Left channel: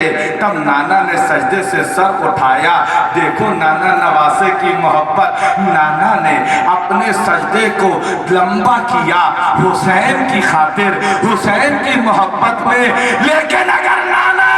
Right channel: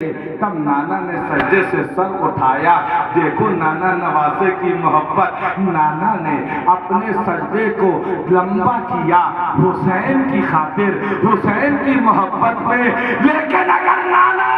तब नाना ने सजदे से सर उठाया। देखो नाना नवासे की मोहब्बत, नाना ने अपने सजदे को लंबा किया हुसैन की खातिर, हुसैन की मोहब्बत में। लेकिन अगर नाना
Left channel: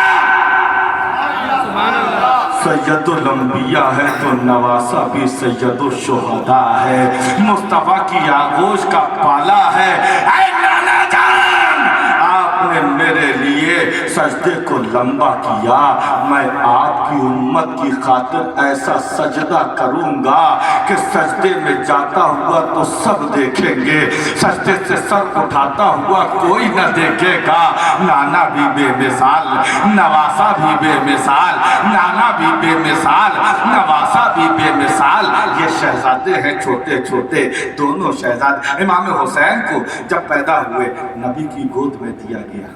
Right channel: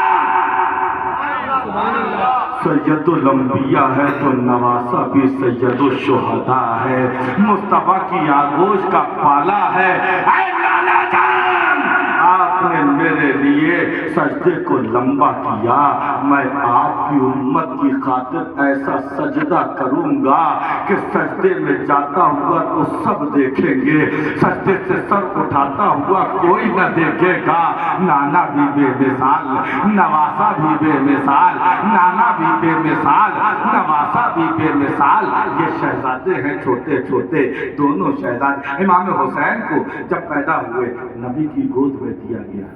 सैयदुल अंबिया है तो नवासा भी सैयदुल शुहदा है, मुस्तफा की आगोश का पाला है। ऐ नाना जान, आपने मेरे लिए सजदे को लंबा किया, मैं आपकी उम्मत की खातिर ऐसा सजदा करूंगा कि सजदे में जाता हुआ तो सब देखेंगे, सजदे से सर उठाता हुआ कोई न देखेगा। नाना भी बेमिसाल, नवासा भी बेमिसाल, नाना भी बेमिसाल, नवासा भी बेमिसाल। ये शहजादे हैं छोटे छोटे, दोनों शहजादे। इमाम हुसैन को जब पैदा हुए नबी की गोद में दिया गया।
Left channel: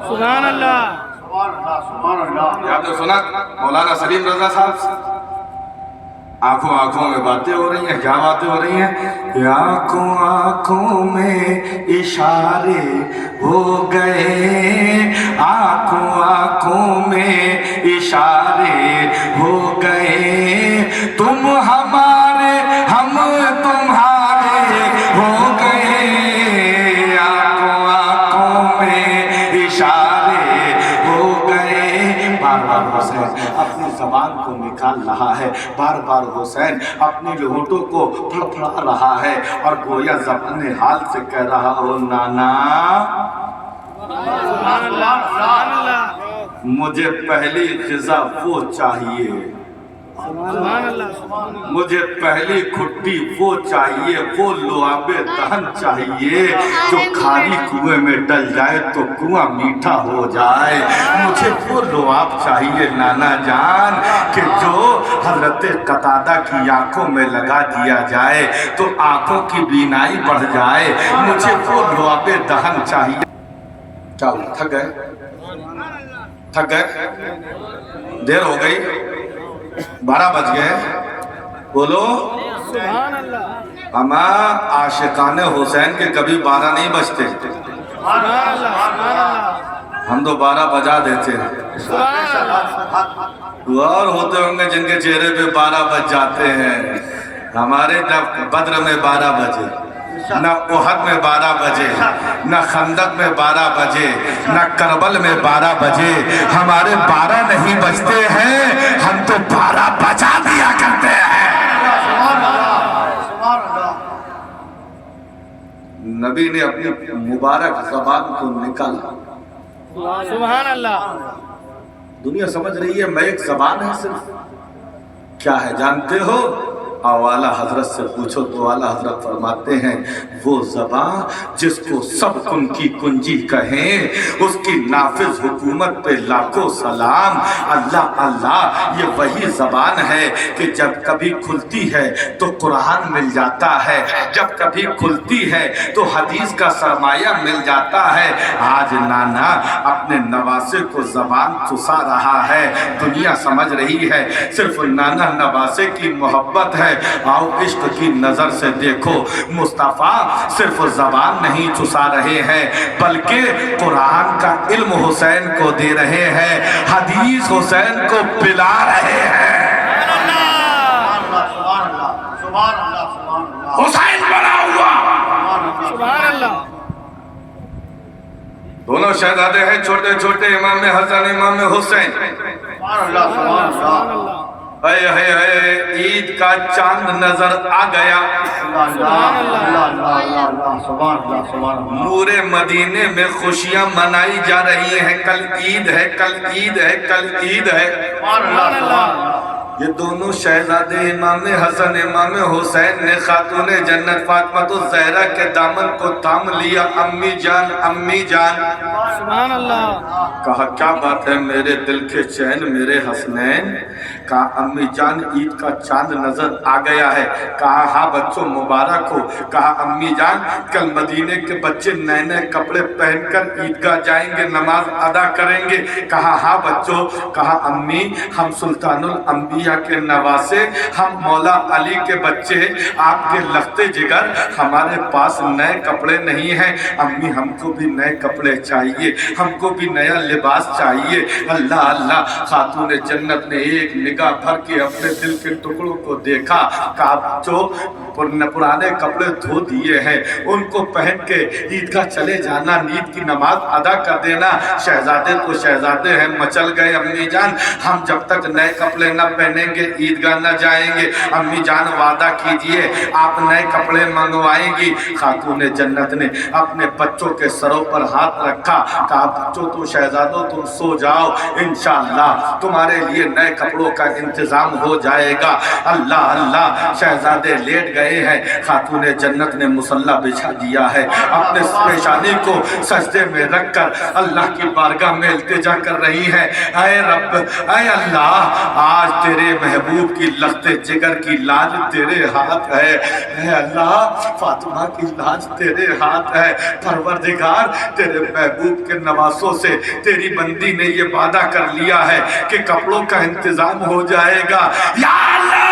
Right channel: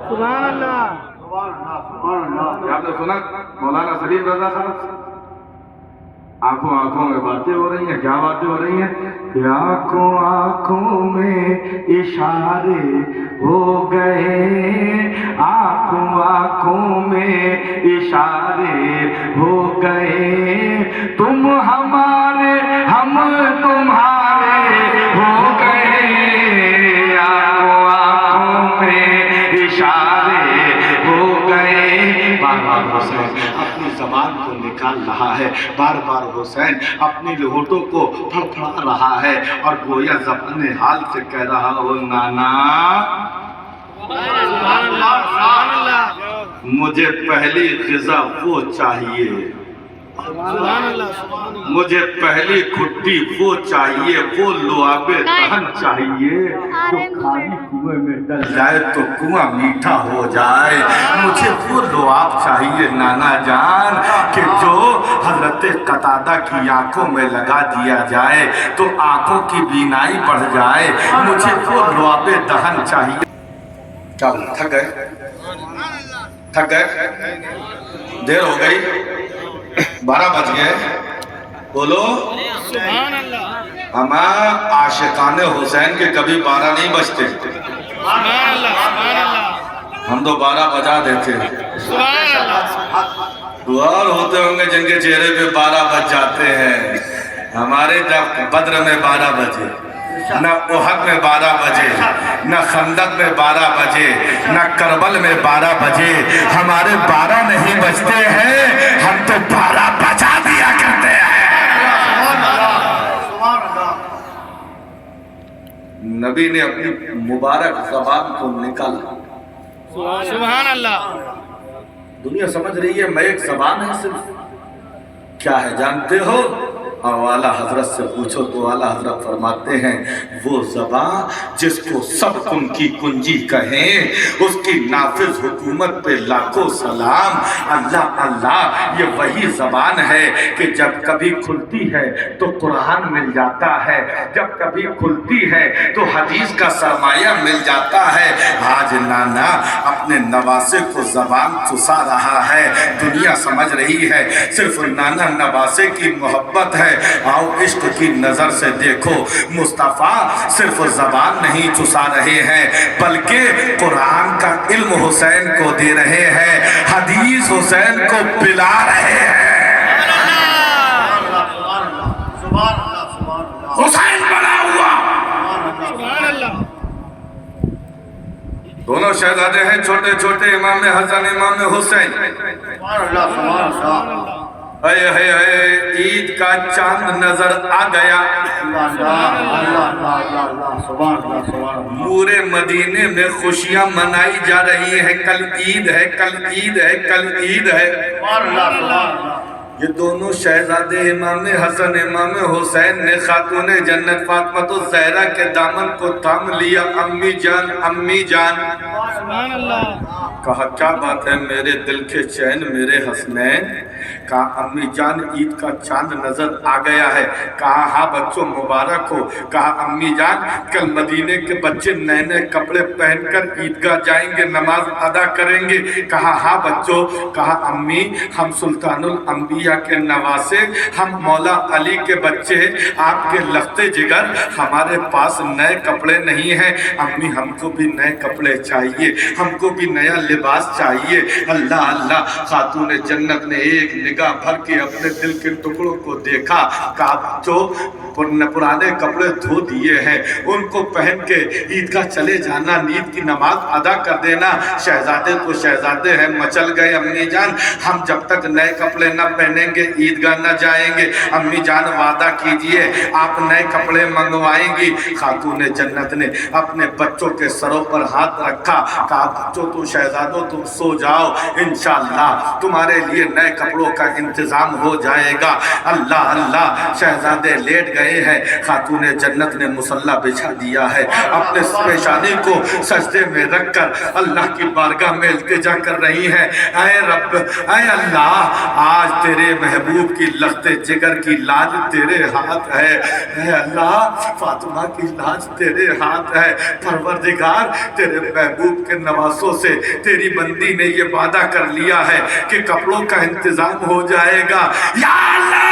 सुभान अल्लाह, सुभान अल्लाह। आपने सुना मौलाना सलीम रजा साहब से? आंखों आंखों में बातें हो रही हैं। क्या बातें हो रही हैं? आंखों आंखों में इशारे हो गए, आंखों आंखों में इशारे हो गए, तुम हमारे हम तुम्हारे हो गए, आंखों आंखों में इशारे हो गए। बार बार हुसैन अपनी जबान को निकाल रहा है, बार बार हुसैन अपनी होठों को फड़फड़ा रहा है और गोया ज़बान हाल से कह रहा हो, नाना सुभान अल्लाह, सुभान अल्लाह, मुझे पहली ग़िज़ा वो चाहिए, सुभान अल्लाह, सुभान अल्लाह, मुझे पहली खुट्टी वो चाहिए, वो लुआबे दहन चाहिए जो खाली कुएं में डल जाए तो कुआं मीठा हो जाए। मुझे वो लुआब चाहिए नाना जान कि जो हजरत कतादा की आंखों में लगा दिया जाए तो आंखों की बीनाई बढ़ जाए। मुझे वो लुआबे दहन चाहिए। क्या थक गए? थक गए? देर हो गई, 12 बज गए। बोलो सुभान अल्लाह, हम आशिकाने हुसैन के कभी 12 नहीं बजते, सुभान अल्लाह, सुभान अल्लाह, हम तो 12 बजा देते। सुभान अल्लाह। और होते होंगे जिनके चेहरे पे 12 बज जाते हैं। हमारे जब बद्र में 12 बजे, न उहद में 12 बजे, न खंदक में 12 बजे, न करबल में 12 बजे, हमारे 12 नहीं बजते हैं, हम तो 12 बजा दिया करते हैं। नबी ने अपनी मुबारक ज़बान को निकाला। सुभान अल्लाह। दुनिया समझ रही है मैं एक ज़बान है सिर्फ, क्या है जानते हो? और आला हजरत से पूछो तो आला हजरत फरमाते हैं वो ज़बान जिसको सब कुन की कुंजी कहें, उसकी नाफिज हुकूमत पे लाखों सलाम। अल्लाह अल्लाह, ये वही ज़बान है कि जब कभी खुलती है तो कुरान मिल जाता है, जब कभी खुलती है तो हदीस का सरमाया मिल जाता है। आज नाना अपने नवासे को ज़बान चुसा रहा है, दुनिया समझ रही है सिर्फ नाना नवासे की मोहब्बत है। आओ इश्क की नजर से देखो, मुस्तफा सिर्फ ज़बान नहीं चुसा रहे हैं बल्कि कुरान का इल्म हुसैन को दे रहे हैं, हदीस हुसैन को पिला रहे हैं। हुसैन बना हुआ, सुभान अल्लाह। दोनों शहजादे हैं छोटे छोटे, इमाम हसन इमाम हुसैन। ईद का चांद नजर आ गया, नूरे मदीने में खुशियां मनाई जा रही हैं। कल ईद है, कल ईद है, कल ईद है। ये दोनों शहजादे इमाम हसन इमाम हुसैन ने खातून जन्नत फातिमा ज़हरा के दामन को थाम लिया। अम्मी जान, अम्मी जान, सुभान अल्लाह। कहा क्या बात है मेरे दिल के चैन मेरे हसनैन? कहा अम्मी जान ईद का चांद नजर आ गया है। कहा हाँ बच्चों मुबारक हो। कहा अम्मी जान कल मदीने के बच्चे नए नए कपड़े पहनकर ईदगाह जाएंगे, नमाज अदा करेंगे। कहा हाँ बच्चों। कहा अम्मी हम सुल्तानुल अंबिया के नवासे, हम मौला अली के बच्चे, आपके लखते जिगर, हमारे पास नए कपड़े नहीं हैं। अम्मी हमको भी नए कपड़े चाहिए। चाहिए, हमको भी नया लिबास चाहिए। अल्लाह अल्लाह, खातून जन्नत ने एक निगाह भर के अपने दिल के टुकड़ों को देखा, कहा जो पुराने कपड़े धो दिए हैं उनको पहन के ईदगाह चले जाना, ईद की नमाज अदा कर देना। शहजादे तो शहजादे हैं, मचल गए अम्मी जान, हम जब तक नए कपड़े न पहनेंगे ईदगाह न जाएंगे। अम्मी जान वादा कीजिए आप नए कपड़े मंगवाएंगी। खातून जन्नत ने अपने बच्चों के सरों पर हाथ रखा, कहा बच्चों तुम शहजादों तुम सो जाओ, इंशाअल्लाह तुम्हारे लिए नए कपड़ों का इंतजाम हो जाएगा। अल्लाह अल्लाह, शहजादे लेट गए हैं, खातून जन्नत ने मुसल्ला बिछा दिया है, अपने पेशानी को सजदे में रखकर अल्लाह की बारगाह में इल्तिजा कर रही है। ऐ रब, ऐ अल्लाह, आज तेरे महबूब की लख्ते जिगर की लाज तेरे हाथ है। ऐ अल्लाह, फातिमा की लाज तेरे हाथ है। परवरदिगार, तेरे महबूब के नवासों से तेरी बंदी ने ये वादा कर लिया है कि कपड़ों का इंतजाम हो जाएगा। या अल्लाह,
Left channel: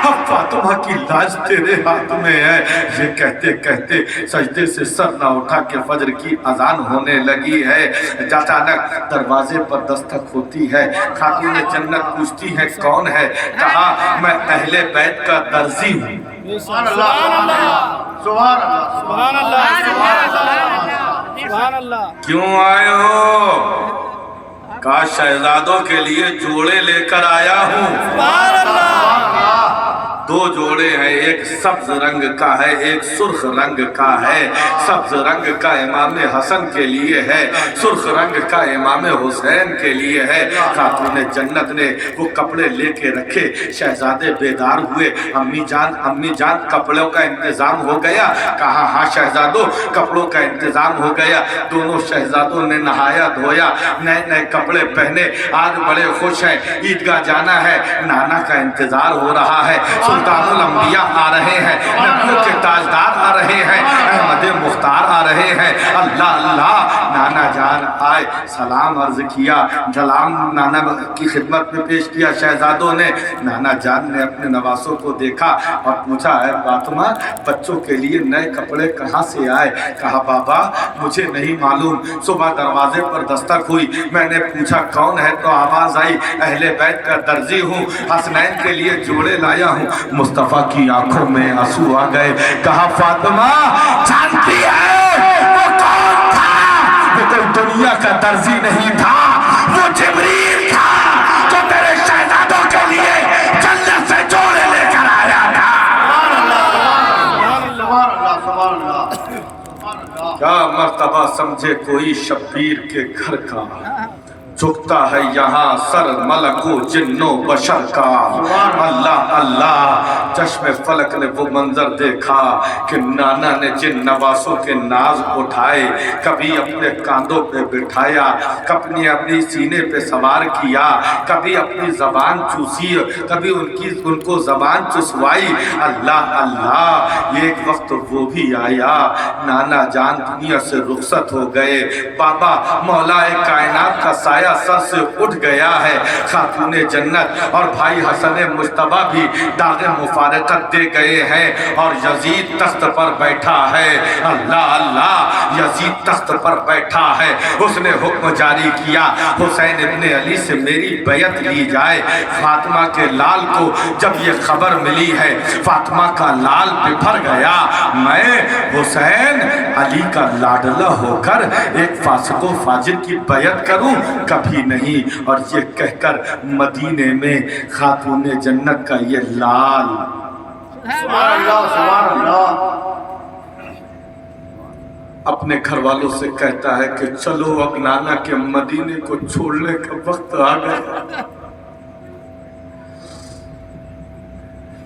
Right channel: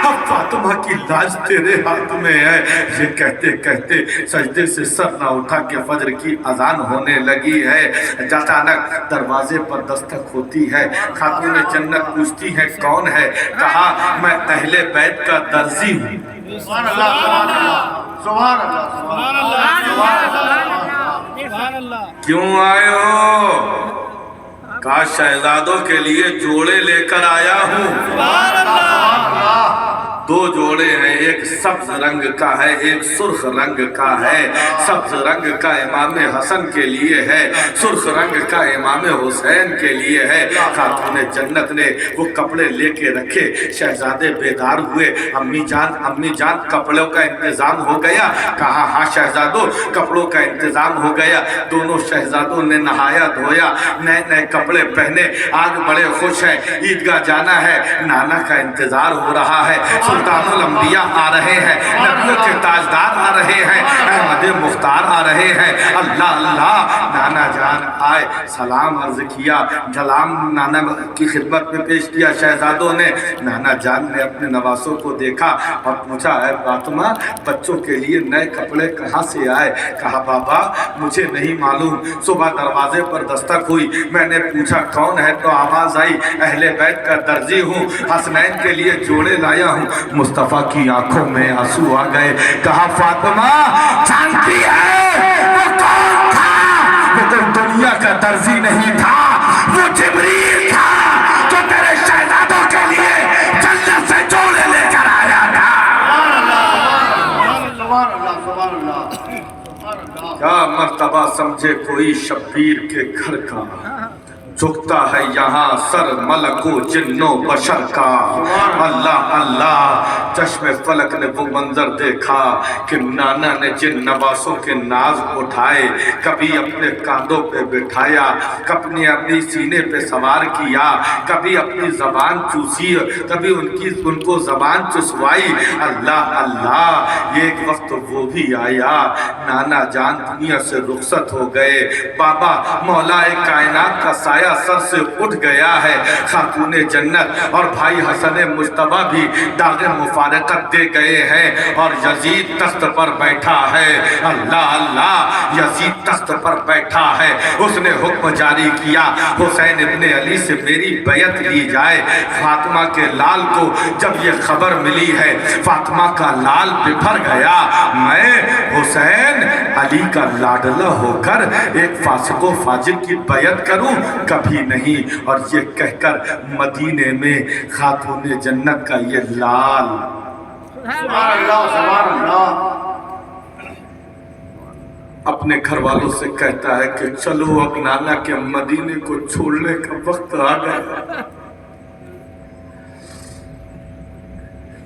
अब फातिमा की लाज तेरे हाथ में है। ये कहते कहते सजदे से सर ना उठा के फजर की अजान होने लगी है। अचानक दरवाजे पर दस्तक होती है। खातून जन्नत पूछती है कौन है? कहा मैं अहले बैत का दर्जी हूँ। सुभान अल्लाह, सुभान अल्लाह। क्यों आए हो? कहा शहजादों के लिए जोड़े लेकर आया हूँ। दो जोड़े हैं, एक सब्ज रंग का है, एक सुर्ख रंग का है। सब्ज रंग का इमाम हसन के लिए है, सुर्ख रंग का इमाम हुसैन के लिए है। खातून जन्नत ने वो कपड़े लेके रखे, शहजादे बेदार हुए। अम्मी जान कपड़ों का इंतजाम हो गया? कहा हाँ शहजादों, कपड़ों का इंतजाम हो गया। दोनों शहजादों ने नहाया धोया, नए नए कपड़े पहने, आज बड़े खुश हैं। ईदगाह जाना है, नाना का इंतजार हो रहा है। सुल्तानुल अंबिया आ रहे हैं, नबियों के ताजदार आ रहे हैं, अहमद मुख्तार आ रहे हैं। अल्लाह अल्लाह, नाना जान आए, सलाम अर्ज किया, सलाम नाना की खिदमत में पेश किया शहजादों ने। नाना जान ने अपने नवासों को देखा और पूछा है फातिमा, बच्चों के लिए नए कपड़े कहाँ से आए? कहा बाबा मुझे नहीं मालूम, सुबह दरवाजे पर दस्तक हुई, मैंने पूछा कौन है तो आवाज आई अहले बैत का दर्जी हूँ, हसनैन के लिए जोड़े लाया हूँ। मुस्तफा की आंखों में आंसू आ गए। कहा फातिमा जानती है वो कौन था? वो कोई दुनिया का दर्जी नहीं था, वो जिब्रील था जो तेरे शहजादों के लिए जन्नत से जोड़े लेकर आया था। क्या मर्तबा समझे कोई शब्बीर के घर का, झुकता है यहाँ सर मलको जिन्नो बशर का। अल्लाह अल्लाह, चश्मे फलक ने वो मंजर देखा कि नाना ने जिन नवासों के नाज उठाए, कभी अपने कांधों पे बिठाया, कभी अपनी सीने पे सवार किया, कभी अपनी जबान चूसी, कभी उनको जबान चुसवाई। अल्लाह अल्लाह, एक वक्त वो भी आया, नाना जान दुनिया से रुखसत हो गए। बाबा मौलाए कायनात का साया सर से उठ गया है। खातून जन्नत और भाई हसन मुश्तबा भी दाग मुफारकत दे गए हैं और यजीद तख्त पर बैठा है। अल्लाह अल्लाह, यजीद तख्त पर बैठा है। उसने हुक्म जारी किया हुसैन इब्ने अली से मेरी बैयत ली जाए। फातिमा के लाल को जब ये खबर मिली है, फातिमा का लाल बिफर गया। मैं हुसैन अली का लाडला होकर एक फासिको फाजिर की बैयत करूं? कभी नहीं। और ये कहकर मदीने में खातून जन्नत का ये लाल अपने घर वालों से कहता है कि चलो अब नाना के मदीने को छोड़ने का वक्त आ गया।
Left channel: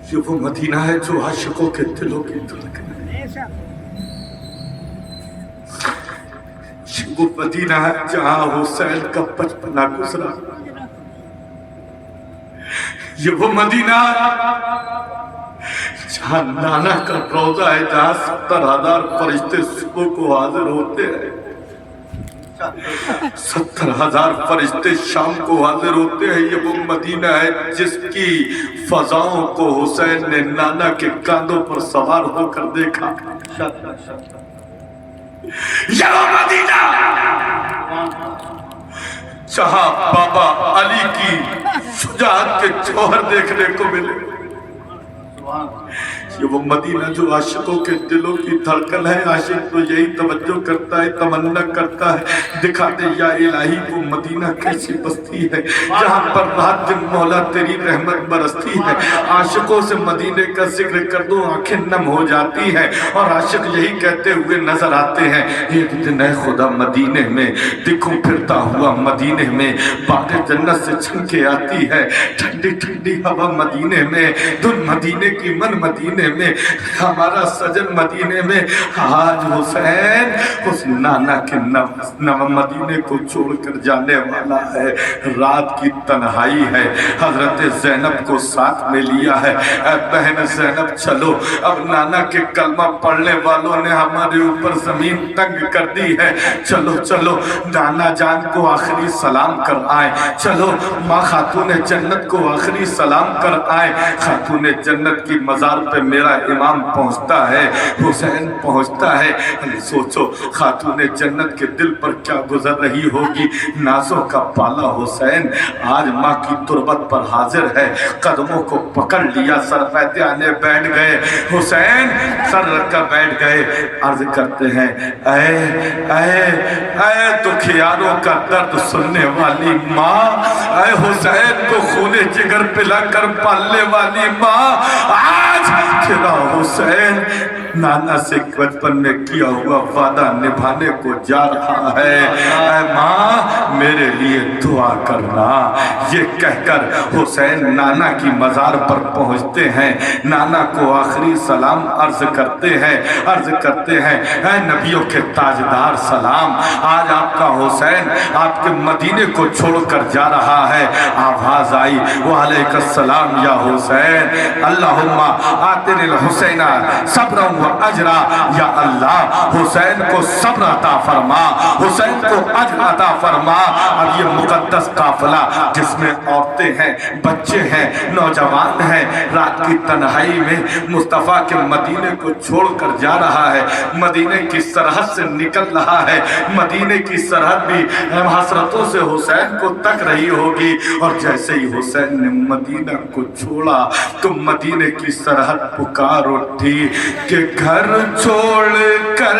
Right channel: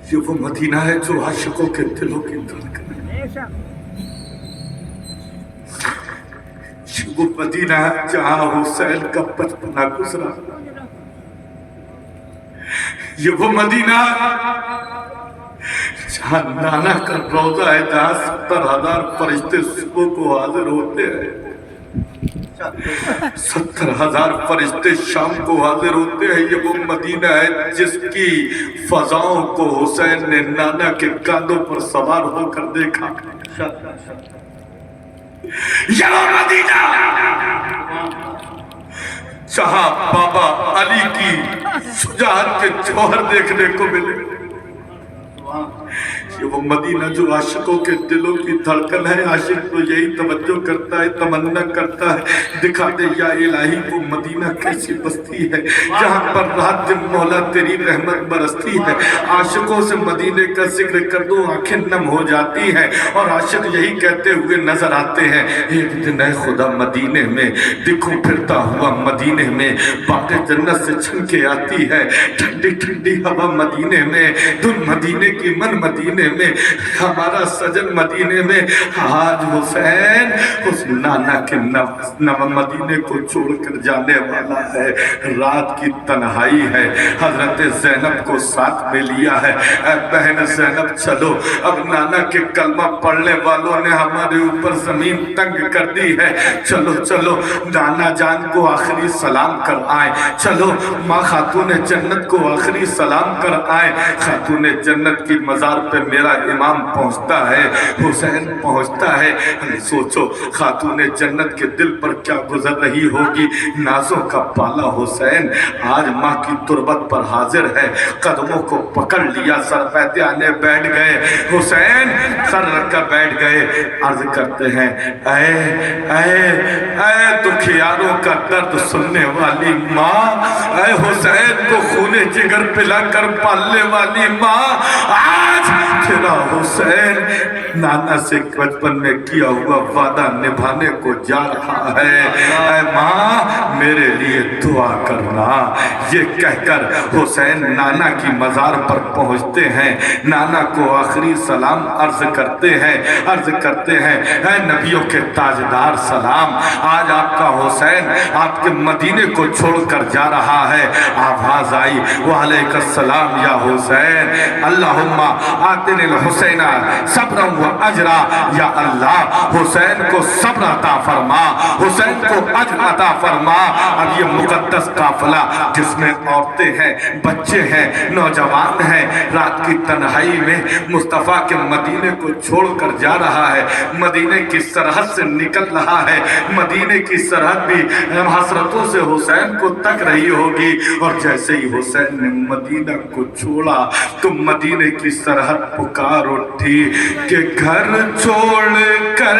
ये वो मदीना है जो आशिकों के दिलों की धड़कन है। वो मदीना है जहां हुसैन का बचपना गुजरा। ये वो मदीना जहां नाना का रौजा है, जहां 70,000 फरिश्ते सुबह को हाजिर होते हैं, 70,000 फरिश्ते शाम को हाजिर होते हैं। ये वो मदीना है जिसकी फजाओं को हुसैन ने नाना के कांधों पर सवार होकर देखा। یہ وہ مدینہ جہاں بابا علی کی شجاعت کے جوہر دیکھنے کو ملے، یہ وہ مدینہ جو عاشقوں کے دلوں کی دھڑکن ہے۔ عاشق تو یہی توجہ کرتا ہے، تمنا کرتا ہے، دکھا دے یا الہی وہ مدینہ کیسی بستی ہے جہاں پر رات دن مولا تیری رحمت برستی ہے۔ عاشقوں سے مدینے کا ذکر کر دو آنکھیں نم ہو جاتی ہیں، اور عاشق یہی کہتے ہوئے نظر آتے ہیں، ایک دن اے خدا مدینے میں دکھوں پھرتا ہوا، مدینے میں باتیں جنت سے چھن کے آتی ہے، ٹھنڈی ٹھنڈی ہوا مدینے میں، دن مدینے کی من مدینے میں، ہمارا سجن مدینے میں۔ آج حسین اس نانا کے نو مدینے کو چھوڑ کر جانے والا ہے، رات کی تنہائی ہے، حضرت زینب کو ساتھ میں لیا ہے۔ اے بہن زینب چلو، اب نانا کے کلمہ پڑھنے والوں نے ہمارے اوپر زمین تنگ کر دی ہے، چلو چلو نانا جان کو آخری سلام کر آئے، چلو ماں خاتون جنت کو آخری سلام کر آئے۔ خاتون جنت کی مزار پہ میرا امام پہنچتا ہے، حسین پہنچتا ہے۔ سوچو خاتون جنت کے دل پر کیا گزر رہی ہوگی، نازوں کا پالا حسین آج ماں کی تربت پر حاضر ہے، قدموں کو پکڑ لیا، سر پہ آنے بیٹھ گئے، حسین سر رکھ کر بیٹھ گئے، عرض کرتے ہیں اے دکھیاروں کا درد سننے والی ماں، اے حسین کو خون جگر پلا کر پالنے والی ماں، آج تیرا حسین نانا سے بچپن میں کیا ہوا وعدہ نبھانے کو جا رہا ہے، اے ماں میرے لیے دعا کرنا۔ یہ کہہ کر حسین نانا کی مزار پر پہنچتے ہیں، نانا کو آخری سلام عرض کرتے ہیں، اے نبیوں کے تاجدار سلام، آج آپ کا حسین آپ کے مدینے کو چھوڑ کر جا رہا ہے۔ آواز آئی وعلیکم السلام یا حسین، اللہم آتنی الحسین صبرا و اجرا، یا اللہ حسین کو صبر عطا فرما، حسین کو اجر عطا فرما۔ اور یہ مقدس قافلہ جس میں عورتیں ہیں، بچے ہیں، نوجوان ہیں، رات کی تنہائی میں مصطفیٰ کے مدینے کو چھوڑ کر جا رہا ہے، مدینے کی سرحد سے نکل رہا ہے، مدینے کی سرحد بھی حسرتوں سے حسین کو تک رہی ہوگی، اور جیسے ہی حسین نے مدینہ کو چھوڑا تو مدینے کی سرحد پکار اٹھی کہ گھر چھوڑ کر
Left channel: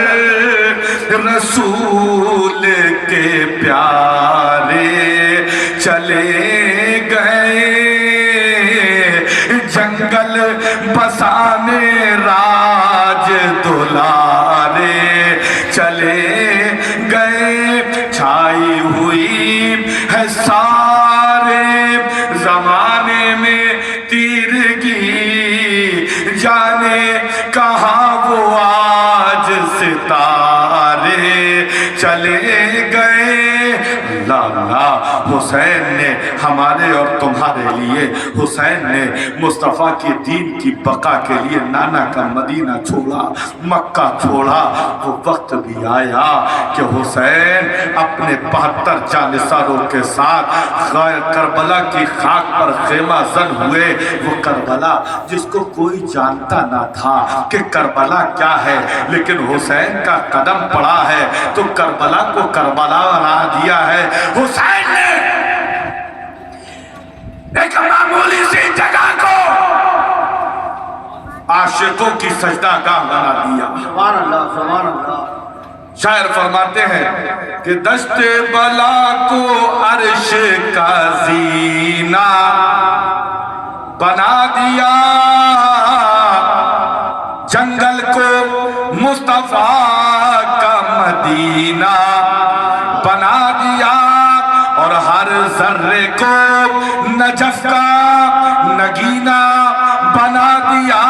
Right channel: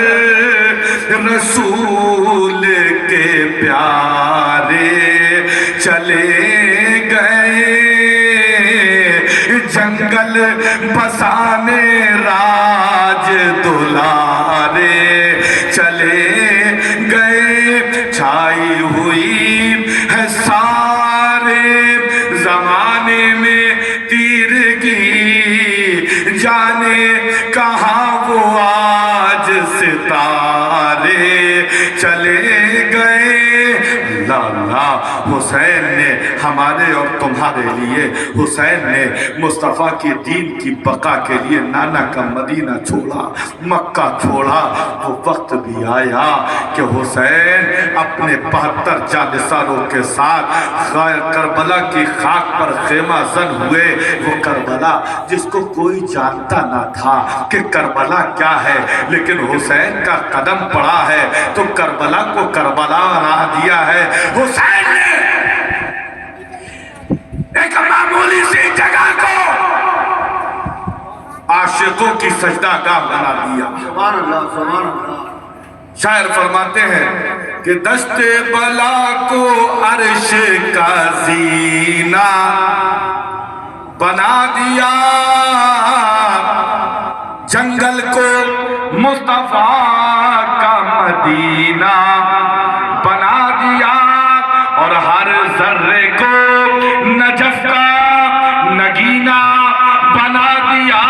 رسول کے پیارے چلے گئے، جنگل بسانے راج دلارے چلے گئے، چھائی ہوئی ہے سارے زمانے میں تیرگی، جانے کہاں وہ آج ستارے چلے گئے۔ اللہ حسین نے ہمارے اور تمہارے لیے، حسین نے مصطفیٰ کے دین کی بقا کے لیے نانا کا مدینہ چھوڑا، مکہ چھوڑا۔ وہ وقت بھی آیا کہ حسین اپنے 72 جانثاروں کے ساتھ کربلا کی خاک پر خیمہ زن ہوئے، وہ کربلا جس کو کوئی جانتا نہ تھا کہ کربلا کیا ہے، لیکن حسین کا قدم پڑا ہے تو کربلا کو کربلا بنا دیا ہے۔ حسین نے ایک معمولی سی جگہ کو عاشقوں کی سجدہ گاہ بنا دیا۔ سبحان اللہ، سبحان اللہ۔ شاعر فرماتے ہیں کہ دشت بلا کو عرش کا زینہ بنا دیا، جنگل کو مصطفیٰ کا مدینہ بنا دیا، اور ہر ذرے کو نجف کا نگینہ بنا دیا۔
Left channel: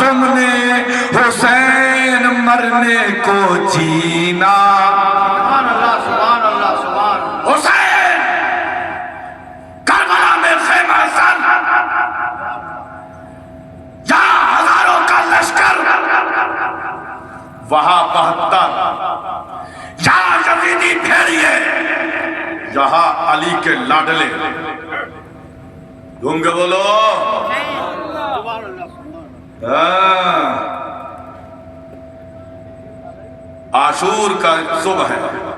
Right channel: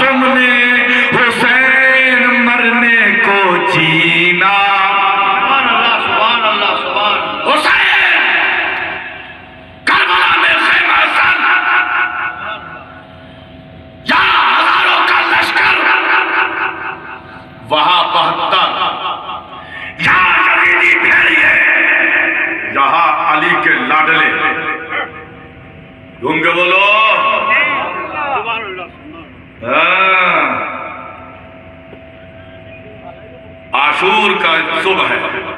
تم نے حسین مرنے کو جینا، سبحان اللہ، سبحان اللہ، سبحان اللہ۔ حسین کربلا میں خیمہ زن، یہاں ہزاروں کا لشکر، وہاں 72، یہاں یزیدی بھیڑیے، یہاں علی کے لاڈلے، گونگے بولو سبحان اللہ، سبحان اللہ۔ आशूर का सुबह है